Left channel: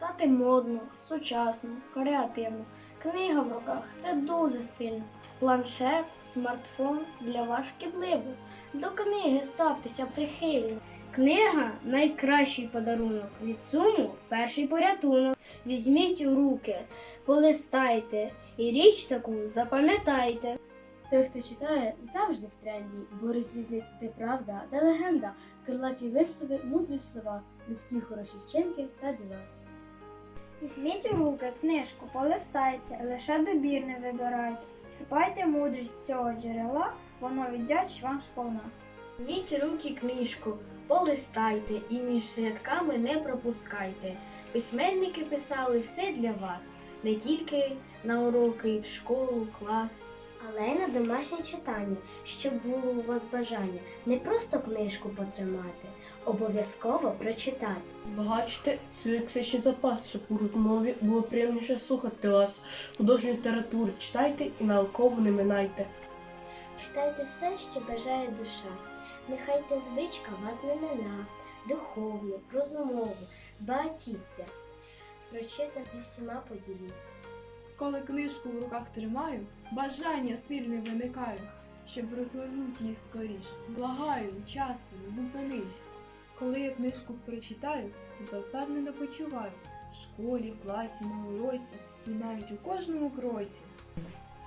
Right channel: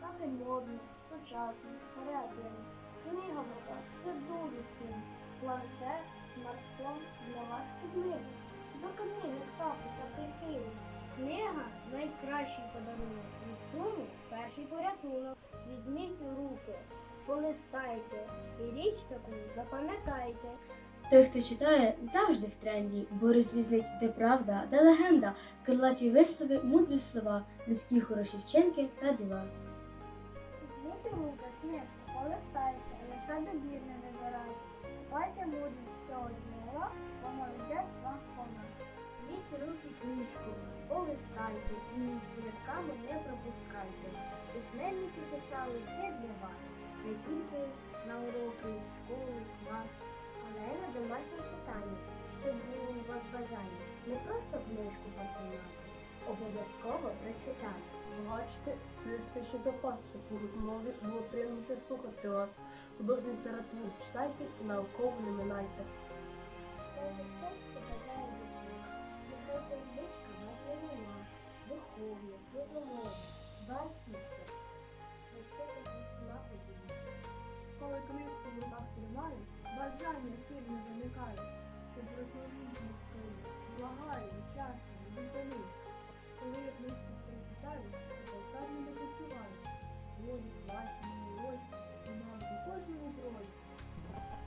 Читати модно, сучасно, креативно. Книга в руках це дуже стильно. Планшет, смартфон для вас шкідливо. До книги ставтеся прихильно. Книга найкращий подарунок. Від суму перший порятунок. Візьміть у руки, полистайте і річ таку запам'ятайте. Той, хто читає, завжди в тренді, бо розрізнить, де правда, де легенда, крилаті вислови, мудрі слова, людські хороші вчинки та діла. Візьміть у руки книжку, полистайте, лише добірне вибирайте. Черпайте мудрість цього джерела, воно віддячить вам сповна. Візьміть руки книжку, полистайте і між рядками не пропускайте. Письменники писали все для вас, не тільки на уроки, в школу, клас. Але й на домашнє читання, щоб було у вас бажання не просто книжку потримати, обов'язково прочитати. Багачте свій ще запас, щоб у розмові було приємніше слухати вас. Художню літературу читайте і науково не минайте. Читайте все, що бажає душа. Нехай ця звичка вас не мина, духовно, розумово, збагатіться. Прочитан зі всіма поділіться. Коли книжку в руках тримаю, бажання сильне виникає, щоб розгорнути її скоріш. Благаю, часом, зупинись. Коли я книжку прочитаю, себе впевнено почуваю. В школі, класі, на уроці і навіть у кожному кроці.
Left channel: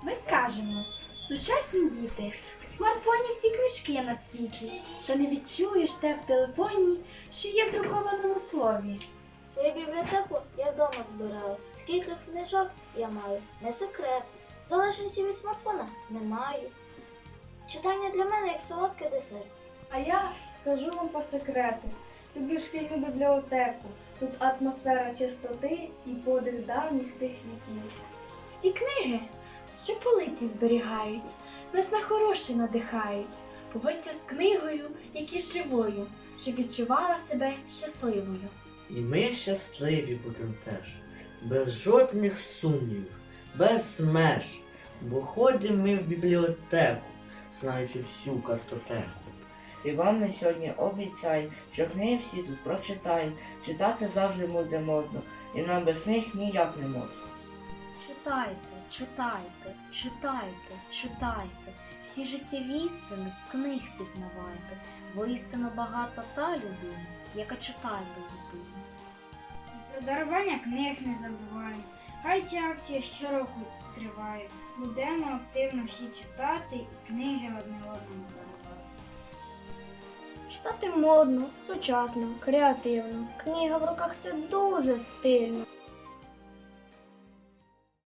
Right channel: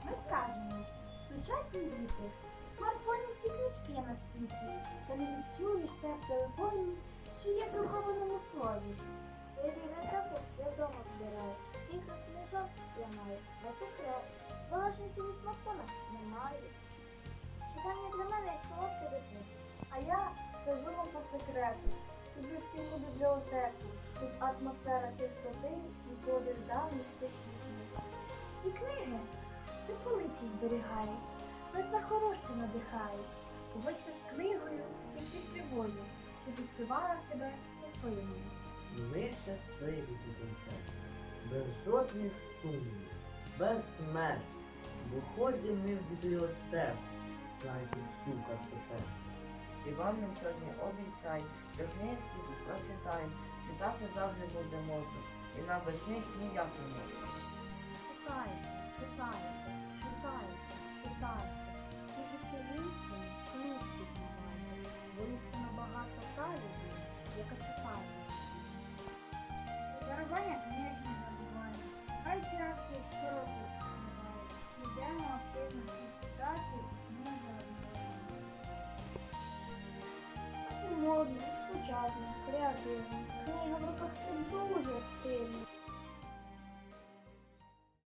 Ми скажемо, сучасні діти, в смартфоні всі книжки на світі, та не відчуєш те в телефоні, що є в друкованому слові. Свою бібліотеку я вдома збираю. Скільки книжок я маю, не секрет. Залежності від смартфона не маю. Читання для мене як солодкий десерт. А я скажу вам по секрету. Люблю шкільну бібліотеку. Тут атмосфера чистоти і подих давніх тих віків. Всі книги, що полиці зберігають, нас на хороше надихають. Поводься з книгою, як із живою, щоб відчувала себе щасливою. І ми щасливі будемо теж, без жодних сумнівів, без меж, бо ходимо ми в бібліотеку, знаючи всю картотеку. І вам ми сьогодні обіцяємо, що книги всі тут прочитаємо, читати завжди буде модно, і нам без них ніяк не можна. Читайте, читайте, читайте, читайте. Всі життєві істини з книг пізнавайте, бо істинно багата та людина, яка читає позитивно. Про дарування книг не забуваємо. Хай ця акція щороку триває. Будемо активно всі читати і книги одне одному дарувати. Читати модно, сучасно, креативно. Книга в руках це дуже стильно.